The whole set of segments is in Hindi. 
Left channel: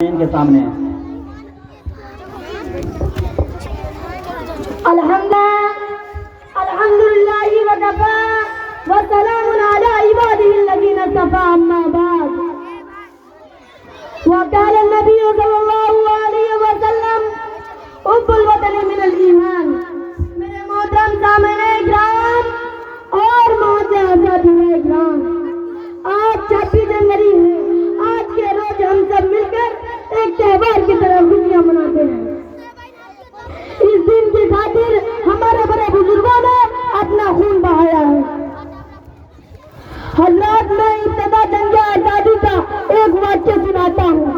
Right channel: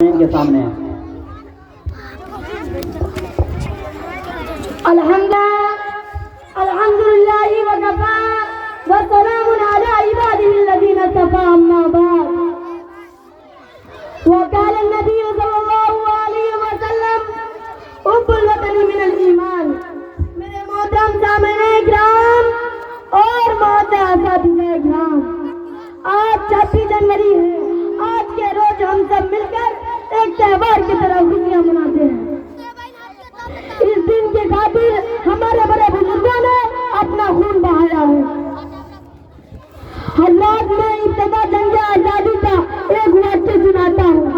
इनके सामने अल्हम्दुलिल्लाहि व कफा व सलामुन अला इबादिही अल्लज़ीना इस्तफ़ा अम्मा बाद व क़ाला नबी सल्लल्लाहु अलैहि व सल्लम हुब्बुल वतनी मिनल ईमान। मेरे मोहतरम सामने इकराम और मोहतरम साथीए इकराम, आज 26 जनवरी है। आज के रोज हम सब मिलकर एक त्योहार की तरह खुशियां मनाते हैं। इस दिन की खातिर हमारे बड़े बुजुर्गों ने अपना खून बहाया है। हज़रात, मैं इब्तिदा जंगे आजादी का एक वाक्य सुनाता हूँ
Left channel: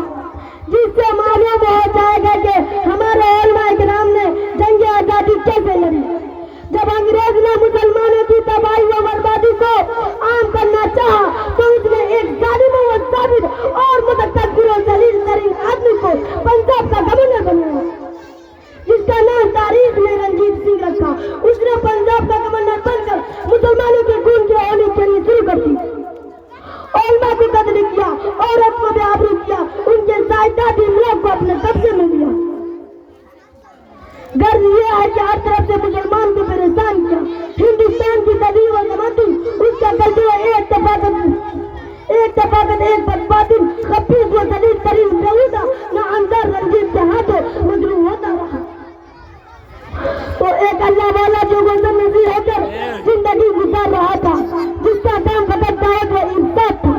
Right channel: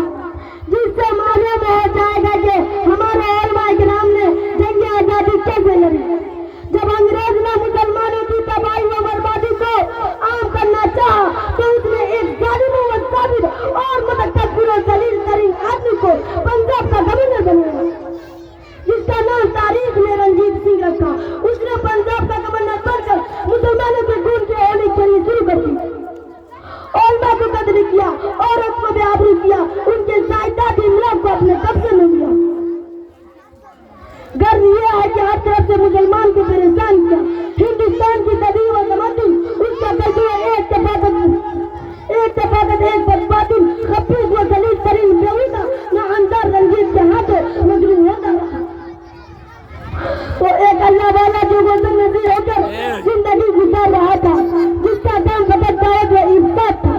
जिससे मालूम हो जाएगा कि हमारे उलमा किराम ने जंगे आजादी कैसे लड़ी। जब अंग्रेज ने मुसलमानों की तबाही व बर्बादी को आम करना चाहा तो उसने एक जालिम व जाबिर और मुतकब्बिर व जलील तरीन आदमी को पंजाब का गवर्नर बनाया, जिसका नाम तारीख में रंजीत सिंह रखा। उसने पंजाब का गवर्नर बनकर मुसलमानों के खून के होने के लिए शुरू कर दी। औरतों को कत्ल किया, औरत को बेआबरू किया, उनके जायदाद लोग को अपने कब्जे में लिया। गर्व यह है कि हर तरफ से मुसलमान को परेशान किया। हिंदुस्तान की कदीम व तमद्दुन उसका कब्जा एक तफाकत एक बर्बादी खबीस व जलील तरीन बेहुदा न अंदर रंजीत के हाथों मजरूह होता रहा। तो एक अल्लाह वाला जो मौसम नजीर होकर जिंदगी गुजार रहा था, जिसका काम खतरनाक व इब्बात था।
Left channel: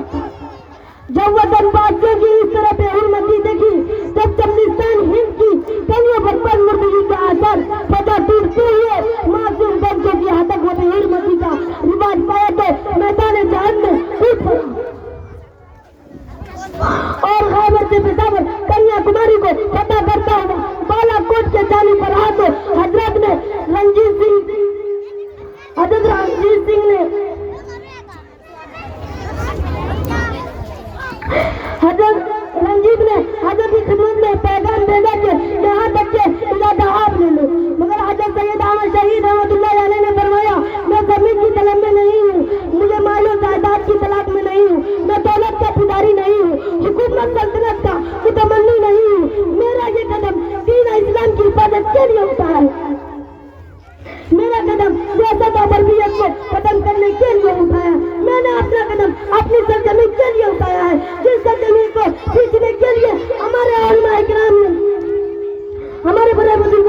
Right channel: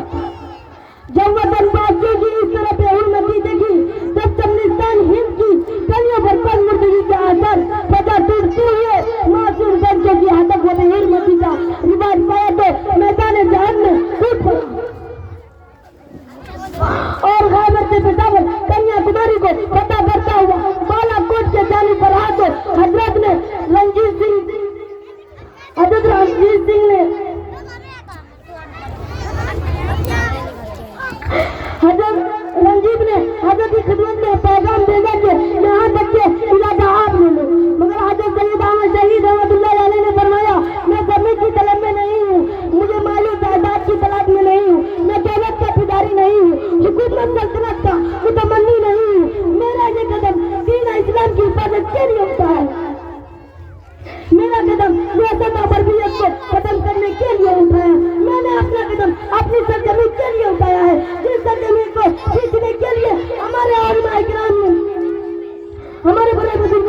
जब वतन वासियों की इस तरह बेहुरमती देखी, जब चमनिस्तान हिंद की गलियों पर मुर्दगी का असर पता टूटते हुए मासूम बच्चों की हतक व बेहुरमती का रिवाज पाया तो मैदान जहाद में कूद पड़ा और खैबर से पेशावर कन्याकुमारी को फतह करता हुआ बालाकोट के जाने पर आते हजरत रंजीत सिंह ने हजरत की खिदमत में पैगाम भेजा कि यहाँ तक के इलाका आप ले लो। मगर हजरत सैयद अहमद शहीद रहमतुल्लाह अलैह ने फरमाया, मैं जमीन की तलब में नहीं हूँ, मुझे मालूम जायदाद की तलाश में नहीं हूँ, मैं दौलत का पुजारी नहीं हूँ, हुकूमत सल्तनत का मुतमन्नी नहीं हूँ। मेरा ये कदम दीन इस्लाम की हिफाजत के लिए उठा है। मेरा कदम सियासत और बर्बरियत को खत्म करने के लिए उठाया। मैंने अपना कदम अपनी सरजमीन के लिए उठाया है, जिस सरजमीन को खींचने के लिए हमारे उलमा इकराम ने, हमारे बड़े बुजुर्ग